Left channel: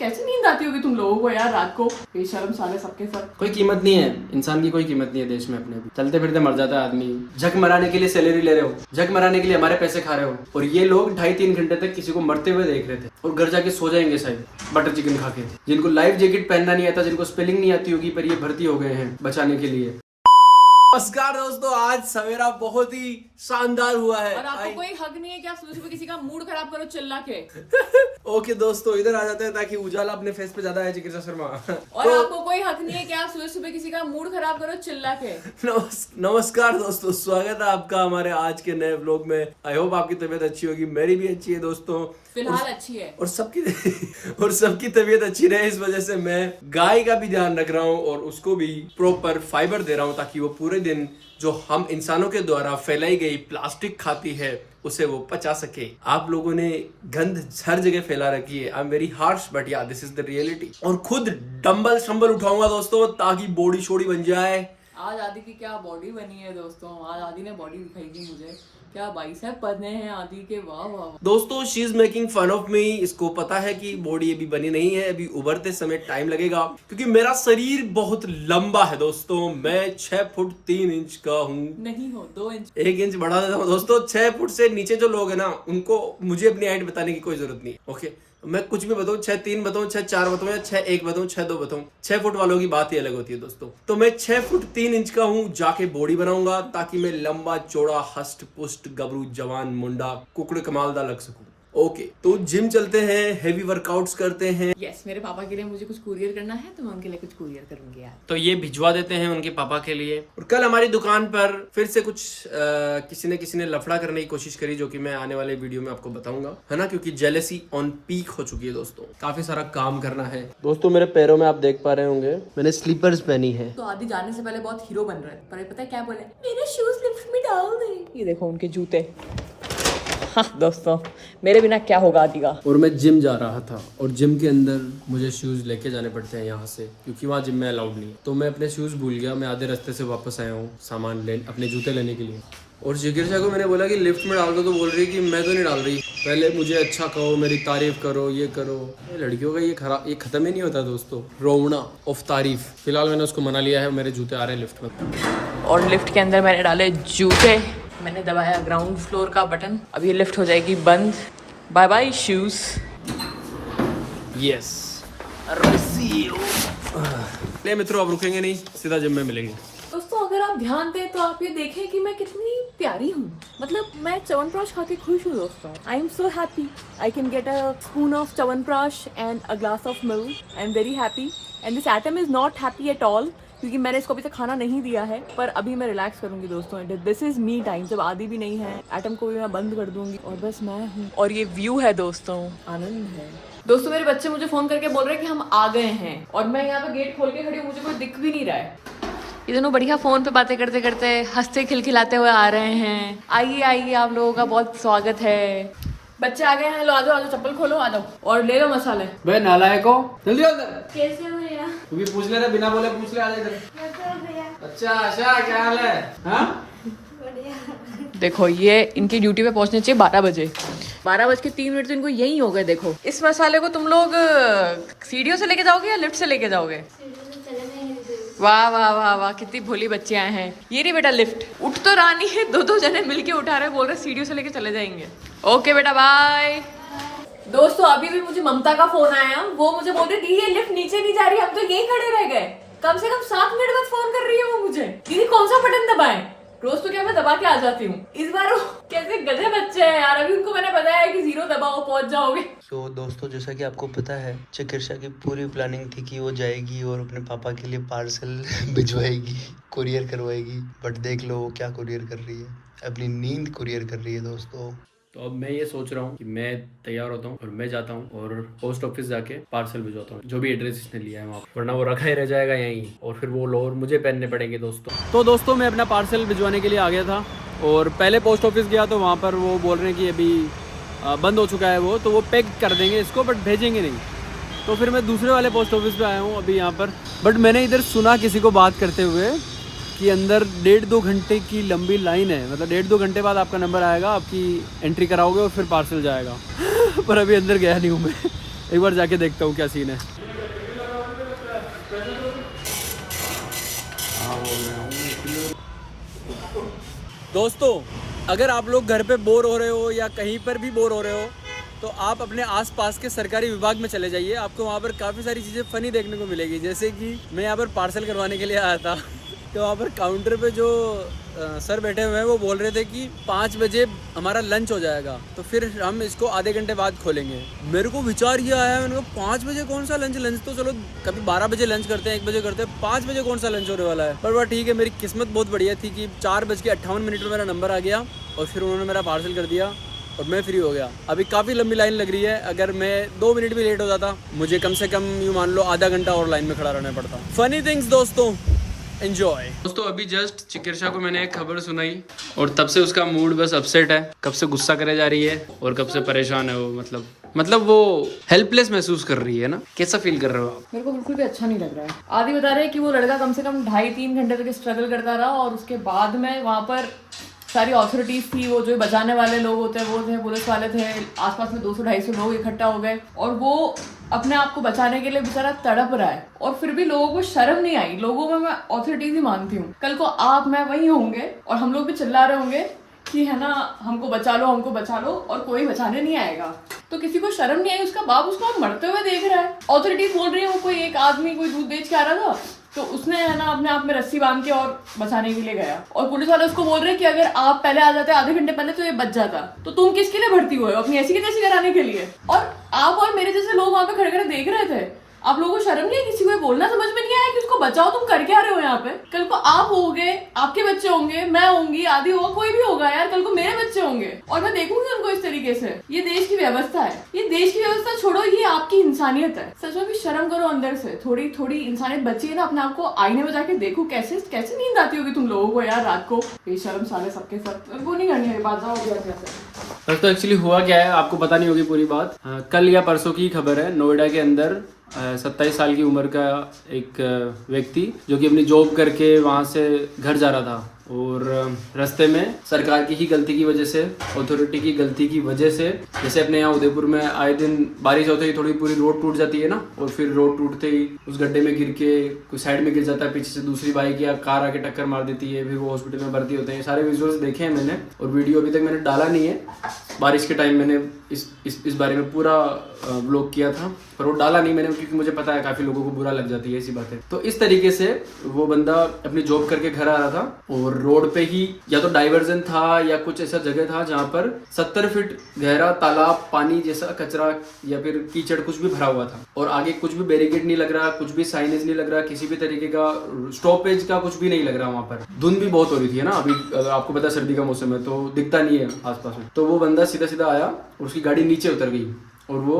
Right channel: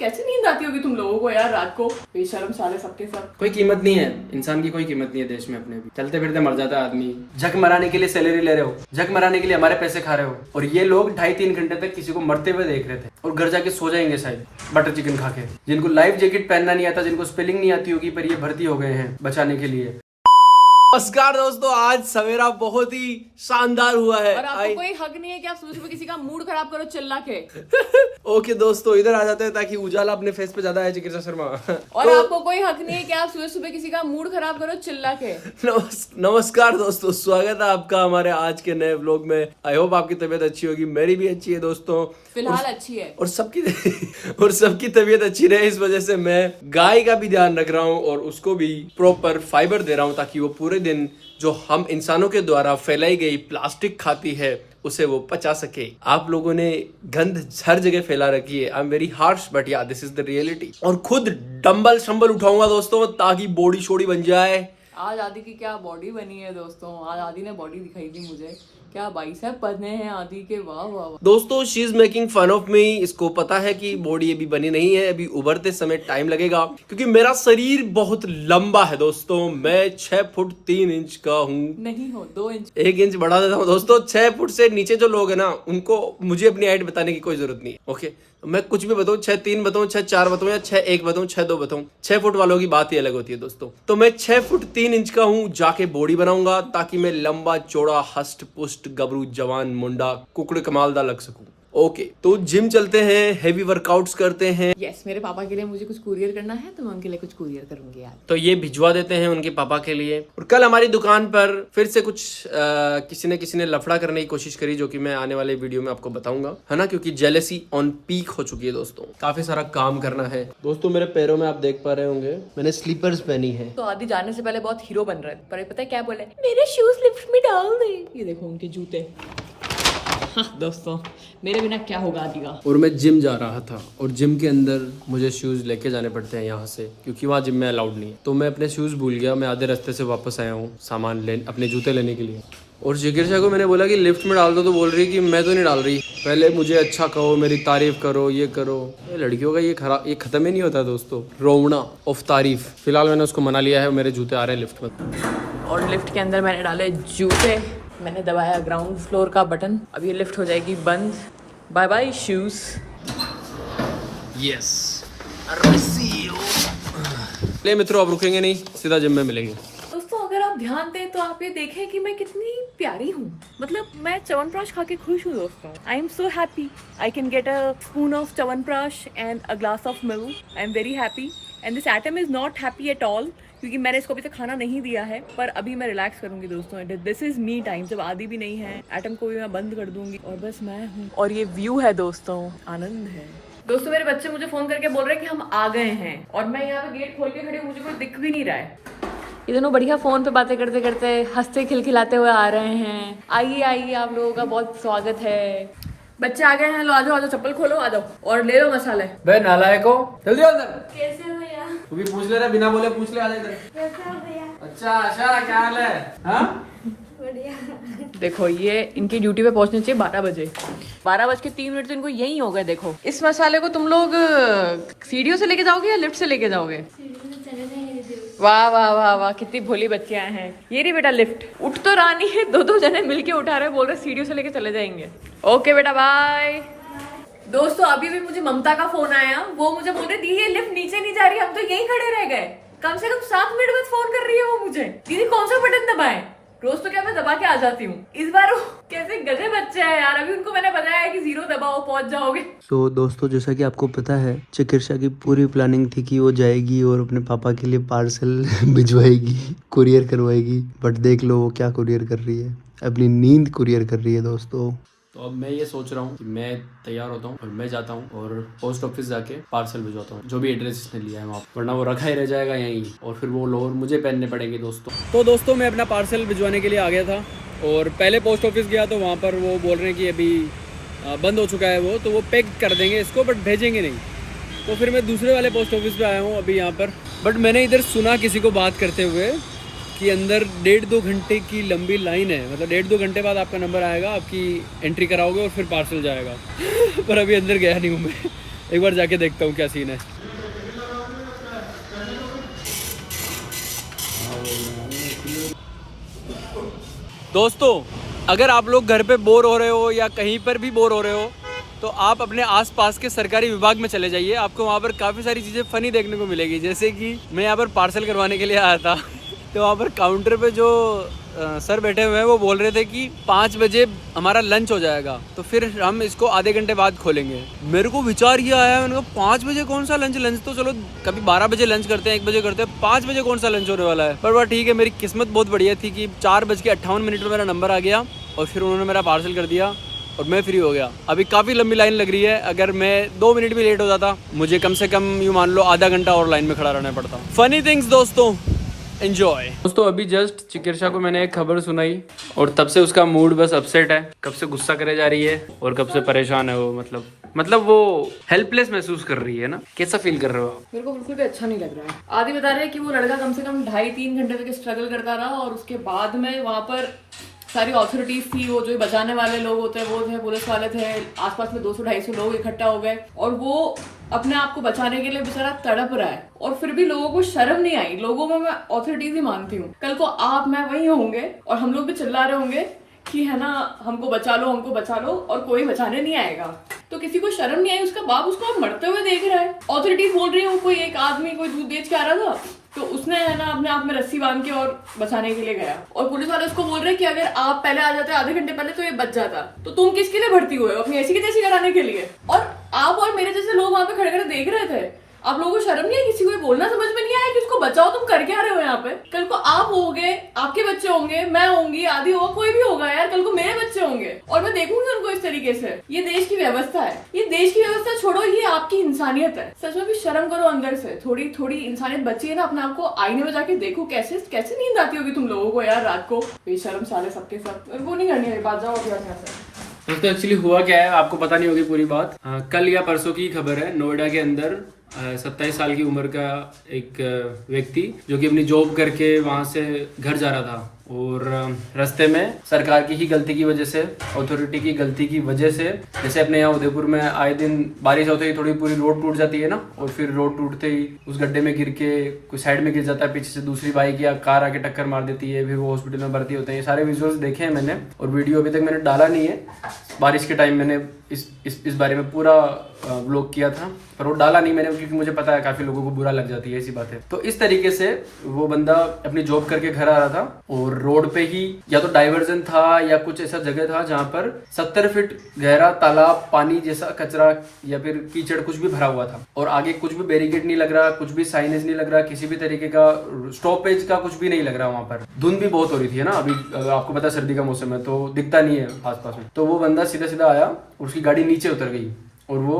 कैसे नींद आती होगी तुम लोगों को यार रात को? बेशर्म साले सबके सब। कोई कीमत नहीं है इंसान की, कोई कीमत नहीं है देश में अपने भी। चलते फिरते मर जाता है आदमी। जग मराने के लिए सैलरी ले रहे हो, जग मराने के लिए हमारे पैसे खा रहे हो, और ये लोग 2.5-3 घंटे तक किसी को मरते हुए देख रहे थे और घर जाके सो जाएंगे शायद बटर चिकन खा के। जिनको लाइफ जैकेट पहनना नहीं आता, जिनको स्पेलिंग नहीं आती होगी, पर ये भर्ती हो गए हैं बचाने के लिए। नमस्कार दोस्तों, आज सवेरा बहुत ही शानदार हुआ है और आपको कोई हक नहीं है कि आप सुबह किसी का मूड खराब करो चिल्ला के। ओके दोस्तों, इधर आ जाते हैं ताकि उजाला अपने फेस पे ज्यादा है। चिकित्सा शर्मा और आपको कोई हक नहीं है कि आप सुबह किसी का मूड खराब करो चिल्ला के। नमस्कार दोस्तों, स्वागत है आपका हमारे आज के नए व्लॉग में। आई होप आपकी तबीयत अच्छी होगी, मेरी भी अच्छी है दोस्तों, फिलहाल अच्छी है और सबकी तबीयत अच्छी रहे, इस वजह से मैं गाय का भी ध्यान रख रहा हूँ और उसको भी प्रॉपर फाइबर दे रहा हूँ ताकि वो पूरे दिन जो हम इंसानों के द्वारा फैलाई गई प्लास्टिक खाती है उसे वो पचा सके। आप लोगों ने गंद हर जगह फैला रखी है। I am very harsh but या दिस इज द रियलिटी। और खुद डंबल शंबल उठाऊंगा दोस्तों ताकि बॉडी शोडी बन जाए। आज आदि की क्या बॉडी बनी है दोस्तों, आज आदि ने बॉडी दिखाई थी मुझे। क्या बाइसेप बने हैं आदि के, वाह वाह वाह। दोस्तों she is making fun of me. इसको पता है कि बॉडी अभी बनी नहीं है, अभी उभरते समय टाइम लगेगा क्योंकि मेरा शरीर बहुत लंबा है दोस्तों। मैं 6 फुट 3 इंच का हूँ। नहीं हो 2 इंच, 1 इंच बढ़ा देता हूँ दोस्तों। 6 फुट से नीचे जो लोग हैं ना, उनको मुझे अपनी हाइट बताने की कोई जरूरत नहीं है। ओके, मैं कुछ भी बताऊं, 6'3" बताऊं, 6'4" बताऊं या 6'1" बताऊं, 6'2" बताऊं, 6 फुट वालों की बात ही अलग होती है दोस्तों। तो मैं 6 फुट 3 इंच का हूं, जाके बॉडी बनाऊंगा ताकि मैं लंबा चौड़ा हष्ट पुष्ट गबरू जवान मुंडा कुकड़ कमालदा लग सकूं। ओके, तो जिम चलते हैं, हेवी वर्कआउट्स करते हैं। यस, मेरे पापा के लिए मुझे कुछ कुरियर करना है तो मैं उनके लिए कुछ कुरियर करूंगी यार। तो ये भिजवा देते हैं उनके पापा के लिए। और कल हमारी दुकान पर फिर से कुछ किसी ने लफड़ा करने की कोशिश करी, जो कि मैं आने वाले वीडियो में आपको बताऊंगा, है ना, क्योंकि जेलसी ऑन पीक हो चुकी है दोस्तों। काफी सारा काम करना है दोस्तों। मेरे पैरों में आप देख पा रहे होंगे मैंने स्लीपर्स पहनी है। तो आदि जाने से पहले बहुत हीरो बन रहे हैं, पर पता है क्या बोले, मेरे शूज लिफ्ट में डाल दे। ये देखो उनके जूते। हाँ दोस्तों, मेरे बिना क्या होगा आदि का। और मैं जिम जा रहा था और जिम के अंदर मुझे शूज लेके जाने पड़ते हैं यहाँ से, क्योंकि वहाँ जिम में अलाउड नहीं है। तो मैं अपने शूज भूल गया, मैं आधे रास्ते से वापस आया हूँ सामान लेने, अपने जूते लेने के लिए। और जिगिरशा को मैंने बोला कि लिफ्ट में डाल दो, तो बोल रही कि मैं तो नहीं डाल रही, पहले मुझे अच्छा कहो, मेरी तारीफ करो, ये करो। ये लड़कियों का ये खत्म ही नहीं होता दोस्तों, रोवना ऑफ तारीफ। फिलहाल मैंने उसको मना लिया है, मेरे जूते आ रहे हैं लिफ्ट में। और लिफ्ट के अंदर मैंने डाले जूते, मैंने दबाया ग्राउंड फ्लोर का बटन, अब ये लिफ्ट हो जाएगी बंद। Bye bye shoes. यस, ले मित्रों, अब रुकेंगे नहीं, सीधा जिम में मिलेंगे। दोस्तों अगर आप ध्यान दें तो आप ये देखें कि मैं कितनी प्यारी हूँ। मतलब मैं च्यवनप्राश खा के खुश हूँ दोस्तों। I am so happy. I can get a spoon of chyawanprash and a glass of milk. I am very happy and this atom is not happy at all, क्योंकि मैंने इसको अभी तक खाना नहीं दिया है। पर अभी मैं रिलैक्स करूंगी दोस्तों। This is me time. जब आदि भी नहीं है, एटम को भी मैं बंद कर दूंगी और बस मैं हूँ। और ये व्यू है दोस्तों, आनंद है दोस्तों। मेरे बच्चे मुझे फोन करके बोल रहे हैं कि हम आ गए हैं, और मैं यहाँ पे गेट खोल के खड़ी हूँ, मुझे कोई दिख भी नहीं रहा है। ये दोनों बढ़िया फोन पे बातें करते करते हंसते खिलखिलाते हुए आ रहे हैं। आइए आइए, आप लोगों का बहुत स्वागत है। बच्चे आ गए हैं, लो आ जाओ, चप्पल खोलो, आ जाओ और ले लो मसाले। बे नालायको, जल्दी आओ अंदर। कैसे हो भैया? तू भी पूछ ले रहा, बिना बोले पूछ ले, आ जा इधर। कैसे हो भैया? अच्छा आशा, क्या हाल है? हाँ, बढ़िया। देखो ये इनकी ड्यूटी पे पहुंचने चाहिए 12 बजे। 12:03 तो इनको यही हो गए। देखो इस मसाले को तुम लोग सीढ़ियों से लेके जाओगे या लिफ्ट से लेके जाओगे? वाह वाह वाह वाह, कितनी भोली बच्चियां हैं। ये रही बेटा लिफ्ट, उठ तो रानी है, दो जने मिलके उठा रहे, बोल रहे सीढ़ियों से लेके चले जाएंगे। ओके बेटा बाय। दोस्तों अभी भी मुझे ममता का फोन आया, वो मुझे बोल रही थी ये लिफ्ट नीचे नहीं जा रही, हम तो यहीं खड़े रह गए। कम से कम 7 मिनट बाद फोन कर रही है वो मुझे, दीदी कौन सा बटन दबाएं? रोज तो क्या मैं दबा के आ जाती हूँ, इस बार कैसे गधे बच्चे हैं यार। अभी उनको मैंने बताया है कि 0 दबाओ पहुंच जाओगे। तो दोस्तों, जैसा कि आपको पता है, चिकित्सा की पूरी प्लानिंग थी कि वो जाएगी और अपने पापा के लिए पार्सल भिजवाएगी, कुरियर करवाएगी। बट देख लो वो क्या कुरियर कर रही है, अपनी नींद कुरियर कर रही है दोस्तों। तो अब मैं ये सोच रहा हूँ कि मैं तैयार होता हूँ और मैं जाता हूँ और पोस्ट ऑफिस जाके पार्सल भिजवाता हूँ, जो भी एड्रेस इसने लिया है वहाँ, वरना वो रखा ही रह जाएगा यहीं और फिर वो लोअर मुझे पहनने पड़ेंगे दोस्तों। तो दोस्तों मैं अपना पार्सल भिजवाने के लिए आ गया था और पहले पोस्ट ऑफिस गया तो वहाँ पर वो बोल रहे हैं कि अभी बंद हो चुका है वो, तो वो पैक कर देंगे इसको बट भेजेंगे नहीं। तो फिर मैं दूसरे वाले पोस्ट ऑफिस पे आया हूँ अभी यहाँ पर। बट मैंने इधर सुना किसी को बात करते हुए कि अंदर 1.5-2 घंटे की लंबी लाइन है। मतलब 1.5-2 घंटे बाद आपका नंबर आएगा, आपकी एंट्री कराओगे और फिर पार्सल जाएगा। पर अभी अंदर गया नहीं हूँ मैं, एक बार जाके देखता हूँ क्या सीन है। दोस्तों अगर आप लोग घर पे बोर हो रहे हो या कहीं पर भी बोर हो रहे हो तो आप अपने आसपास के सरकारी विभाग में चले जाइए। आपको वहाँ पर काफ़ी सारी चीज़ें फ़नी देखने को मिलेगी। जैसे कि मैं यहाँ पर पार्सल करवाने के लिए आया था तो वहाँ पर काउंटर पे जो सर बैठे हुए हैं वो बोल रहे थे कि 5 बजे हमारा लंच हो जाएगा तो फिर हम इसको आधे घंटे बाद खोलेंगे। मेरे को विचार ये आया, मैंने कहा 5 बजे कौन सा लंच तो चलो कभी 12 बजे लंच करते हैं, 1 बजे करते हैं, 5 बजे कौन सा लंच होने वाला है। पर वह ठीक है, मेरी किस्मत बहुत बढ़िया थी कि 4:58 में मेरा नंबर आ गया और फिर उन्होंने मेरा पार्सल कर दिया और मैं फ्री हो गया। अभी काफ़ी लंबी लाइन लग रही है, अगर मैं 2 मिनट भी लेट हो जाता मुझे कम से कम यूँ मान लो आधा घंटा और लाइन में खड़ा रहना पड़ता। फनी थिंग्स दोस्तों, एंजॉय। दोस्तों अभी जस्ट चिकित्सा को मैंने एक खबर सुनाई और तब से उसका मूड बस अपसेट है। कब से गुस्सा करे जा रही है और कब से परेशान है वो, मतलब वो हेल्पलेस महसूस कर रही है ना। कैसा फील कर रहे हो आप? मेरे को बिल्कुल भी अच्छा नहीं लग रहा है। आदि बता रहे हैं कि वो लड़का कम से कम 2.5-3 घंटे तक स्ट्रगल करता रहा और उसके बाद में वहाँ पर सारी अथॉरिटीज थी, वो जो बचाने वाले लोग होते हैं वो थे, पुलिस वाले थे, आसपास में 200-250 लोग इकट्ठा हो गए और वो अपने आप को बचाने के लिए बेचारा तड़प रहा है और फिर भी लोगों को शर्म नहीं आई। लोगों में मैं अथॉरिटीज ही मानती हूँ। कल को आप मैं वही होंगे और हम लोग भी चिल्ला रहे होंगे कि है ना हमको बचा लो और कोई बचाने नहीं आएगा। तो किसी को शर्म नहीं आई, उसका बाप उसको मरते हुए देख रहा है। अथॉरिटीज बोल रही है वो कोई एक आदमी कोई दूध बेच के आ रहा था तो उसने है ना अपने आप में रस्सी बांध के और बचाने के लिए गया और पुलिस वाले उसको बोल रहे हैं कि अगर आप पहले आ जाते आधे घंटे पहले तो ये बच जाता। तो तुम किसके लिए भर्ती हुए हो? अपनी ऐसी की तैसी कराने के लिए। और आप और मेरे जैसे लोग वहां पे खड़े खड़े देख रहे थे। आप लोगों को शर्म नहीं है? किसी को बोलना समझ में नहीं आया कि उसको बचाओ? तुम कर क्या रहे हो यहाँ पे? कल को आप होगे, आपके बच्चे होंगे, मैं होंगी, आदि होगा, कोई भी होगा यार। कल को मेरे बच्चे होंगे और मैं देखूंगी उनको इस तरीके से। ये देश की व्यवस्था है। ये देश की व्यवस्था छोड़ो, ये आपकी इंसानियत है। सच में भी शर्म करो अंदर से। थोड़ी थोड़ी इंसानियत बची है ना, अपने आप को आईने में जाके देखो। कैसे कैसे नींद आती होगी तुम लोगों को यार रात को। बेशर्म साले सबके सब। वो नहीं करनी है बात, जाओ बस। तो एक्चुअली हुआ क्या है आपको पता नहीं होगी पूरी बात। कल या परसों की खबर है, नोएडा के अंदर 27 साल की उम्र का एक व्यक्ति जो कि अपनी जॉब करके वहाँ से घर जा रहा था और रास्ते में सरकार की ही गलती की वजह से, अथॉरिटी की गलती की वजह से, जैसे अपने यहाँ उदयपुर में आए दिन बारिश होते ही थोड़ी पूरी रोड टूट जाती है ना और फिर रोड टूटते ही उस गड्ढे में गिर के कोई साइड में गिर जाता है, पीछे से दूसरी बाइक या कार आके टक्कर मार देती है, फिर वो हॉस्पिटल में भर्ती होते हैं। ये सारे विजुअल्स देखे हैं मैंने और वीडियो अभी तक मैंने डाला नहीं है। बारिश के टाइम मैंने इस बारे में पूरा व्लॉग किया था पर वो डाला नहीं मैंने क्योंकि मुझे पता है काफी लोगों को बुरा लग जाती है ऐसी बातें। तो इस तरीके से वो बंदा अपनी जॉब करके घर आ रहा था और रोड पे ही या तो डाइवर्जन था या कुछ ऐसा जगह था जहाँ पर 70 फीट गहरा तालाब, पानी जैसा कचरा या फिर कीचड़ कुछ भी भरा हुआ था और आगे कुछ भी बैरिकेड नहीं लग रहा, कुछ भी साइनेज नहीं लग रहा, किसी भी तरीके का स्टॉपेज का कुछ भी नहीं लग रहा। वहाँ पर धुंध भी बहुत हो रही थी ना, अभी आपको पता है सर्दी का मौसम है तो दिखता नहीं है आसपास में। तो वो बंदा सीधा सीधा आया, उसकी गाड़ी नीचे उतर गई और वो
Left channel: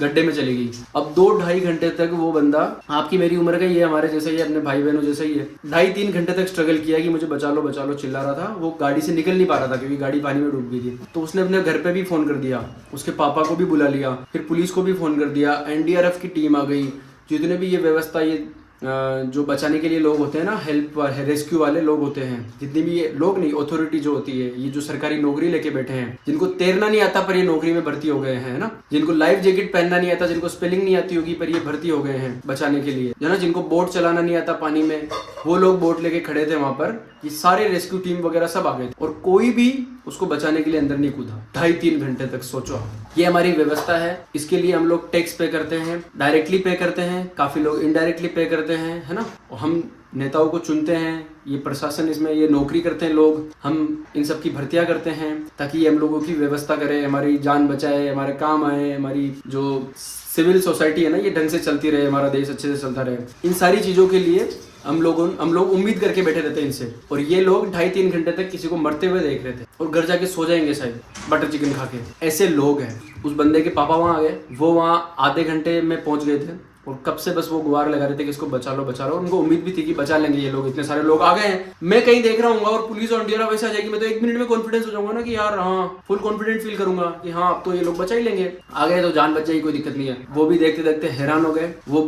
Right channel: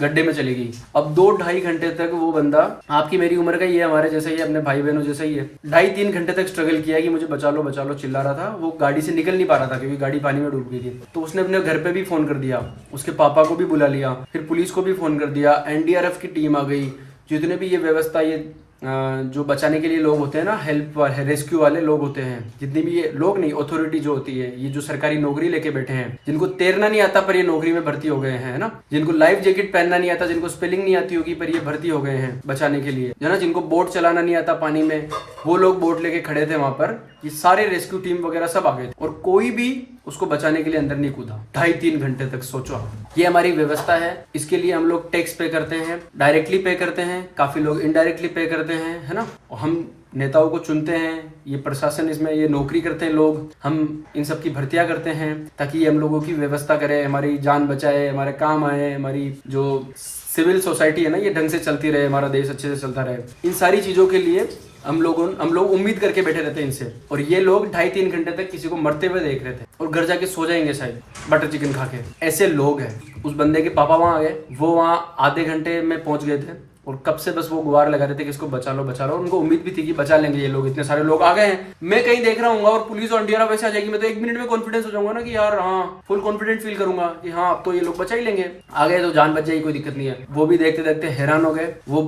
गड्ढे में चली गई। अब 2-2.5 घंटे तक वो बंदा, आपकी मेरी उम्र का ही है, हमारे जैसा ही है, अपने भाई बहनों जैसा ही है, 2.5-3 घंटे तक स्ट्रगल किया कि मुझे बचा लो चिल्ला रहा था। वो गाड़ी से निकल नहीं पा रहा था क्योंकि गाड़ी पानी में डूब गई थी। तो उसने अपने घर पे भी फोन कर दिया, उसके पापा को भी बुला लिया, फिर पुलिस को भी फोन कर दिया, NDRF की टीम आ गई, जितने भी ये व्यवस्था, ये जो बचाने के लिए लोग होते हैं ना, हेल्प रेस्क्यू वाले लोग होते हैं, जितने भी ये लोग नहीं, अथॉरिटी जो होती है, ये जो सरकारी नौकरी लेके बैठे हैं, जिनको तैरना नहीं आता पर ये नौकरी में भर्ती हो गए हैं ना, जिनको लाइफ जैकेट पहनना नहीं आता, जिनको स्पेलिंग नहीं आती होगी पर ये भर्ती हो गए हैं बचाने के लिए, है ना, जिनको बोट चलाना नहीं आता पानी में, वो लोग बोट लेके खड़े थे वहां पर। ये सारे रेस्क्यू टीम वगैरह सब आ गए थे और कोई भी उसको बचाने के लिए अंदर नहीं कूदा 2.5-3 घंटे तक। सोचो, ये हमारी व्यवस्था है, इसके लिए हम लोग टैक्स पे करते हैं, डायरेक्टली पे करते हैं, काफी लोग इनडायरेक्टली पे करते हैं, है ना। और हम नेताओं को चुनते हैं, ये प्रशासन, इसमें ये नौकरी करते हैं लोग, हम इन सब की भर्तियां करते हैं ताकि ये हम लोगों की व्यवस्था करें, हमारी जान बचाए, हमारे काम आए, हमारी जो सिविल सोसाइटी है ना ये ढंग से चलती रहे, हमारा देश अच्छे से चलता रहे। इन सारी चीजों के लिए हम लोग उम्मीद करके बैठे रहते हैं इनसे। और ये लोग 2.5-3 घंटे तक किसी को मरते हुए देख रहे थे और घर जाके सो जाएंगे शायद बटर चिकन खा के। ऐसे लोग हैं। उस बंदे के पापा वहां आ गए, वो वहां आधे घंटे में पहुंच गए थे और कब से बस वो गुहार लगा रहे थे कि इसको बचा लो। उनको उम्मीद भी थी कि बचा लेंगे ये लोग, इतने सारे लोग आ गए हैं। मैं कहीं देख रहा हूँ और पुलिस और NDRF वैसे आ जाएगी, मैं तो 1 मिनट में कॉन्फिडेंस हो जाऊंगा ना कि यार हाँ, फुल कॉन्फिडेंट फील करूंगा कि हाँ अब तो ये लोग बचा ही लेंगे। आ गए तो जान बच जाएगी, कोई दिक्कत नहीं है। वो भी देखते देखते हैरान हो गए। वो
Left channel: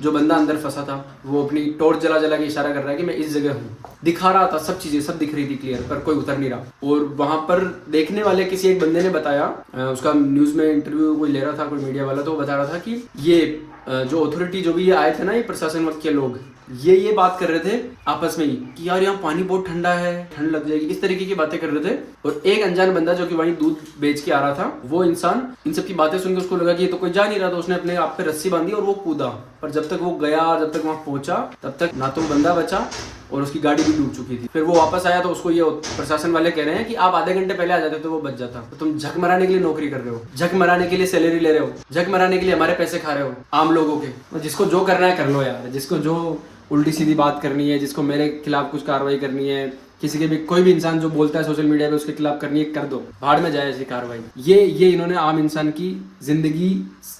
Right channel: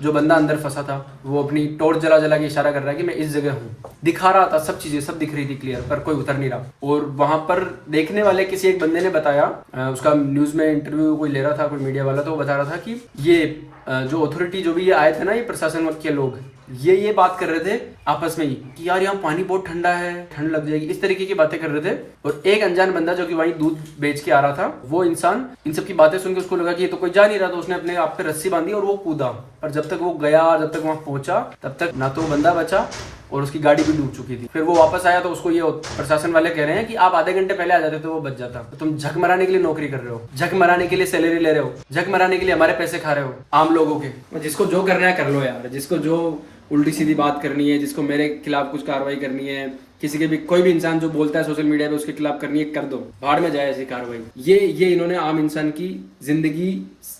जो बंदा अंदर फंसा था वो अपनी टॉर्च जला के इशारा कर रहा है कि मैं इस जगह हूँ, दिखा रहा था सब चीजें, सब दिख रही थी क्लियर, पर कोई उतर नहीं रहा। और वहां पर देखने वाले किसी एक बंदे ने बताया, उसका न्यूज में इंटरव्यू कोई ले रहा था, कोई मीडिया वाला, तो वो बता रहा था कि ये जो अथॉरिटी जो भी ये आए थे ना, ये प्रशासन वर्ग के लोग, ये बात कर रहे थे आपस में ही कि यार यहाँ पानी बहुत ठंडा है, ठंड लग जाएगी, इस तरीके की बातें कर रहे थे। और एक अनजान बंदा जो कि वहीं दूध बेच के आ रहा था, वो इंसान इन सब की बातें सुन के उसको लगा कि ये तो कोई जा नहीं रहा, तो उसने अपने आप पे रस्सी बांधी और वो कूदा। पर जब तक वो गया, जब तक वहां पहुंचा, तब तक ना तो बंदा बचा और उसकी गाड़ी भी डूब चुकी थी। फिर वो वापस आया तो उसको ये प्रशासन वाले कह रहे हैं कि आप आधे घंटे पहले आ जाते तो वो बच जाता। तो तुम झक मराने के लिए नौकरी कर रहे हो, झक मराने के लिए सैलरी ले रहे हो, झक मराने के लिए हमारे पैसे खा रहे हो आम लोगों के। जिसको जो करना है कर लो यार, जिसको जो उल्टी सीधी बात करनी है, जिसको मेरे खिलाफ कुछ कार्रवाई करनी है, किसी के भी कोई भी इंसान जो बोलता है सोशल मीडिया पे उसके खिलाफ करनी है, कर दो, भाड़ में जाए ऐसी कार्रवाई। ये इन्होंने आम इंसान की जिंदगी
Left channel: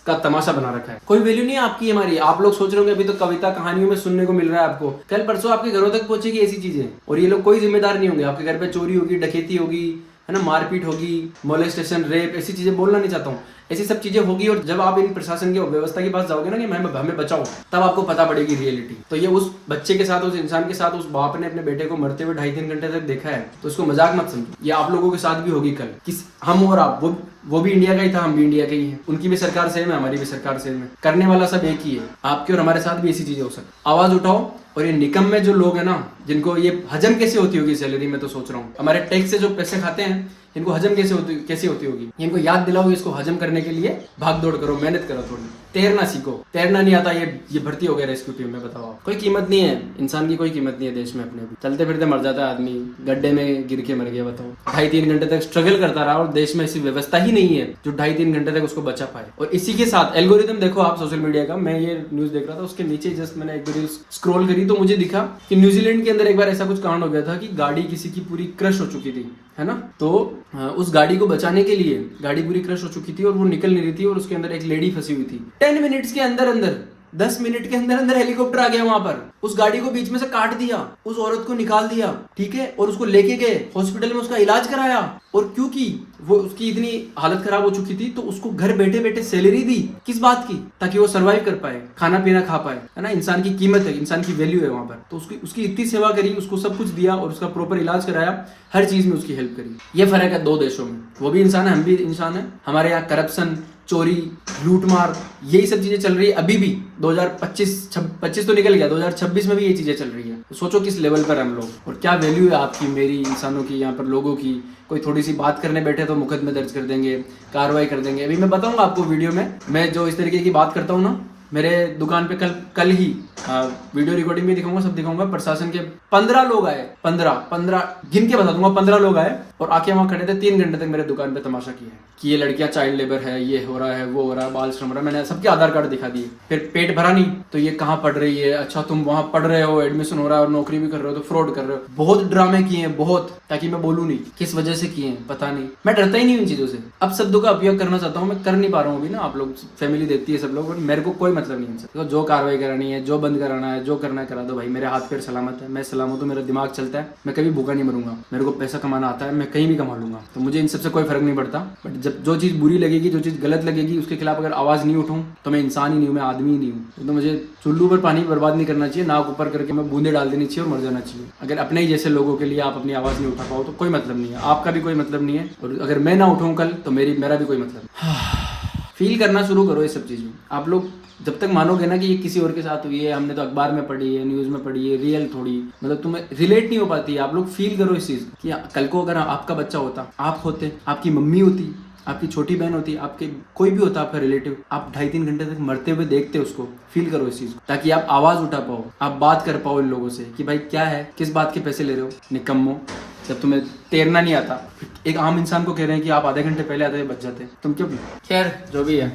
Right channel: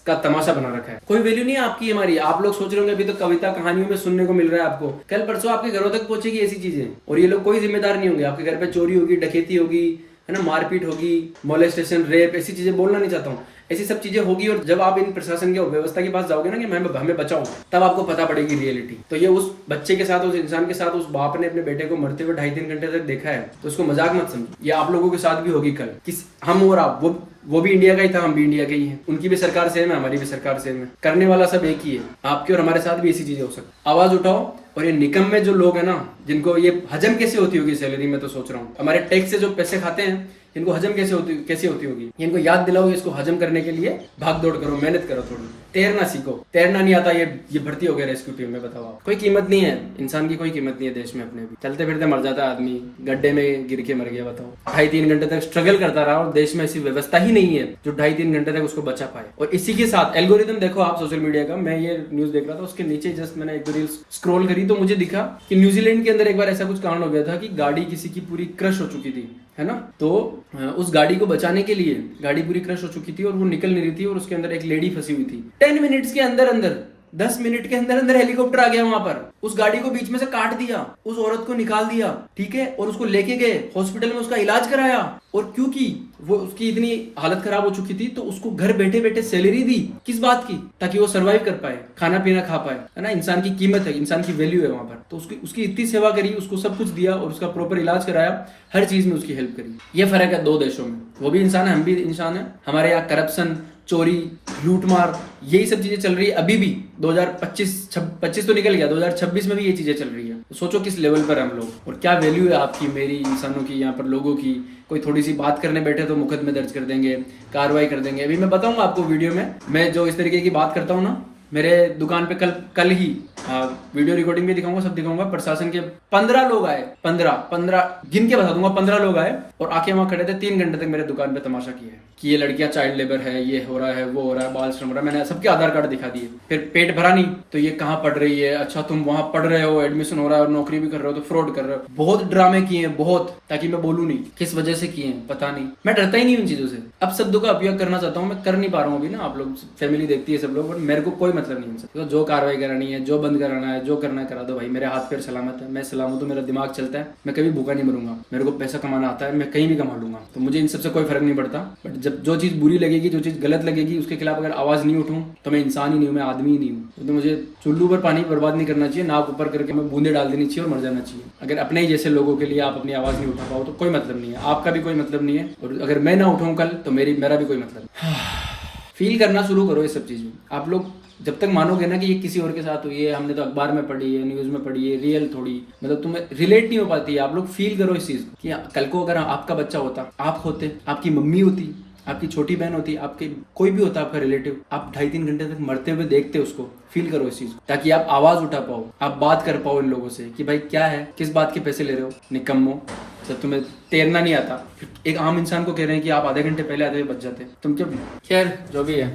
का तमाशा बना रखा है। कोई वैल्यू नहीं है आपकी हमारी। आप लोग सोच रहे होंगे अभी तो कविता कहानियों में सुनने को मिल रहा है आपको, कल परसों आपके घरों तक पहुंचेगी ऐसी चीजें, और ये लोग कोई जिम्मेदार नहीं होंगे। आपके घर पे चोरी होगी, डकैती होगी, है ना, मारपीट होगी, मोलेस्टेशन, रेप, ऐसी चीजें बोलना नहीं चाहता हूँ, ऐसी सब चीजें होगी। और जब आप इन प्रशासन के व्यवस्था के पास जाओगे ना कि हमें बचाओ, तब आपको पता पड़ेगी रियलिटी। तो ये उस बच्चे के साथ, उस इंसान के साथ, उस बाप ने अपने बेटे को मरते हुए 2.5-3 घंटे तक देखा है, तो उसको मजाक मत समझो। ये आप लोगों के साथ भी होगी कल, कि हम और आप, वो भी इंडिया का ही था, हम भी इंडिया के ही हैं, उनकी भी सरकार सेम है, हमारी भी सरकार सेम है, करने वाला सब एक ही है। आपके और हमारे साथ भी ऐसी चीजें हो सकती। आवाज उठाओ। और ये निकम में जो लोग हैं ना, जिनको ये हजम कैसे होती होगी सैलरी, में तो सोच रहा हूँ, हमारे टैक्स से जो पैसे खाते हैं, इनको हजम कैसे होती होगी। इनको याद दिलाओ, इसको हजम करने के लिए भाग दौड़ करो, मेहनत करो, थोड़ी तैरना सीखो। तैरना नहीं आता, ये भर्ती हो गया रेस्क्यू टीम में, बताओ आप। कोई कीमत नहीं है इंसान की, कोई कीमत नहीं है देश में अपने भी। चलते फिरते मर जाता है आदमी, गड्ढे में गिर के मर गया, बताओ। 2.5-3 घंटे तक स्ट्रगल करता रहा और देश में ऐसी व्यवस्था ही नहीं है जो 2.5-3 घंटे तक उसको बचा पाए। और इसी के साथ एल्गोरिथम देखो आप सोशल मीडिया का, मैं ये न्यूज देख रहा था, उसके नीचे जस्ट मैंने एक रील स्क्रॉल करी तो मुझे दिखा कि न्यूजीलैंड के अंदर एक बार ऐसा कुछ कांड हो गया था कि गाड़ी किसी की पूरी क्रश हो चुकी थी, है ना। तो उस गाड़ी को बचाने के लिए, गाड़ी पूरी क्रश हो चुकी थी और वो निकल नहीं रही थी, और उसके अंदर एक लेडी फंसी हुई थी। 10 मिनट्स के अंदर 10 मिनट के अंदर हेलीकॉप्टर आ गया वहां पर, उस गाड़ी को बीच में से काट दिया, उस औरत को निकाल दिया, ठीक है, और उसको लेके गए हॉस्पिटल में, उसका इलाज कराया। और क्योंकि वो उसकी इतनी हालत खराब हो चुकी थी, तो उसको घर बैठे बैठे सैलरी दी, किस बात की, ताकि वो सर्वाइव कर पाए, खाना पीना खा पाए, है ना। इंसान की कीमत है, इंसान की वैल्यू है वहां पर। तो उसकी इतनी सेवा करी, उसको सब कुछ दिया और उसका प्रॉपर इलाज कराया, हर चीज में उसकी हेल्प करी। ये फर्क है दो देशों में। वो भी इंसान है, हम भी इंसान है। हमारे यहाँ करप्शन, चोरी, लूटमार, यही सब चीजें चल रही है अभी भी। 2025 तो निकल गया, 2026 में भी ये चीजें चल रही है। तो सोचो किस लेवल पर हम लोग, और क्या वैल्यू है आपकी, मेरी, इंसानों की, यहाँ पर लोगों की। कोई थोड़ी सी बात करने बैठे तो मुकदमे दर्ज कर देंगे, कार्रवाई कर देंगे। अभी मैं बताऊंगा आपको वीडियो में, मैं जो इस तरीके की बात करता हूँ ना, मेरे दुकान पे कल ही वीडियो रिकॉर्डिंग भी दिखाऊंगा, सब दिखाऊंगा। प्रशासन के 15 लोग आए, 15 गिन के बता दूंगा, 15 लोग आए और आके वहां खड़े थे, 3 घंटे तक मेरे दुकान पे तमाशा किया है कि ये लड़कियां चाइल्ड लेबर है, ये हो रहा है, वो हो रहा है, बाल श्रम हो रहा है। मैंने सबके आधार कार्ड दिखा दिए। फिर पेट भरा नहीं तो ये कहाँ पढ़ रही है, अच्छा तुम वहां पढ़ रहे हो, एडमिशन हो रहा है और नौकरी भी कर रहे हो तो फ्रॉड कर रहे हो। बहुत ड्रामे किए हैं, बहुत, ताकि मैं बोलूं नहीं किस वजह से किए हैं, पता नहीं। मैं डरता ही नहीं इन चीजों से। अब शब्दों का उपयोग करना चाहता हूँ, मैं कर नहीं पा रहा हूँ अभी ना। आप लोग फैमिली देखती है सब लोग, और मेरे को कोई मतलब नहीं है। तो जो कार्रवाई करानी है, जो बंद कराना है, जो करना है करा दो भाई। मेरे हाथ पैर सलामत है, मैं सलामत हूँ, मेरा दिमाग चलता है, मैं कभी भूखा नहीं मरूंगा। मेरे को पैसा कमाना आता है, मैं कहीं भी कमा लूंगा, तो मुझे इन सबसे कोई फर्क नहीं पड़ता। बट जब जो चीज बुरी लगेगी, जो चीज गलत लगेगी, उसके खिलाफ अगर आवाज नहीं उठाऊं तो मैं इंसान ही नहीं हूँ, मैं आदमी ही नहीं हूँ। तो मुझे चुल्लू पर पानी बर्बाद नहीं करना चाहिए, नाक ऊपर करके मैं बूंदे डाल देनी चाहिए और मर जाना चाहिए। अगर अपने ही जैसे लोगों के लिए आप अपनी आवाज नहीं उठा पाओ तो कोई मतलब नहीं है, आपका भी कोई मतलब नहीं है। और अगर मैं ना उठाऊं कल तो मेरा भी कोई मतलब नहीं। फील करना शुरू करो ये सब चीज़ों। आप लोग जब तक मानोगे ना कि ये किसी और के साथ हुई है, हमने तो अखबार में पढ़ी है, न्यूज़ में पढ़ी है, रियल थोड़ी, मतलब तुम्हें रिलेट नहीं हो पाती है। आप लोग फील करो इस चीज़ कि कल को अगर आपका बच्चा होता, आप होते, आपकी मम्मी होती, आपकी छोटी बहन होती, आपके कोई भी होता आपका रिलेटिव, आप 2.5-3 घंटे तक मरते हुए देखते उसको। फील करो इस चीज़, ताकि आप आवाज़ उठा पाओ, आप बात कर पाओ इन लोगों से कि भाई क्या है, किस बात के पैसे ले रहे हो निकम्मो, जब तुम्हें तैरना नहीं आता। एक आम इंसान को कह रहे हैं कि आप आधे घंटे पहले आते बच जाते, तुम क्यों? खैर जो भी है।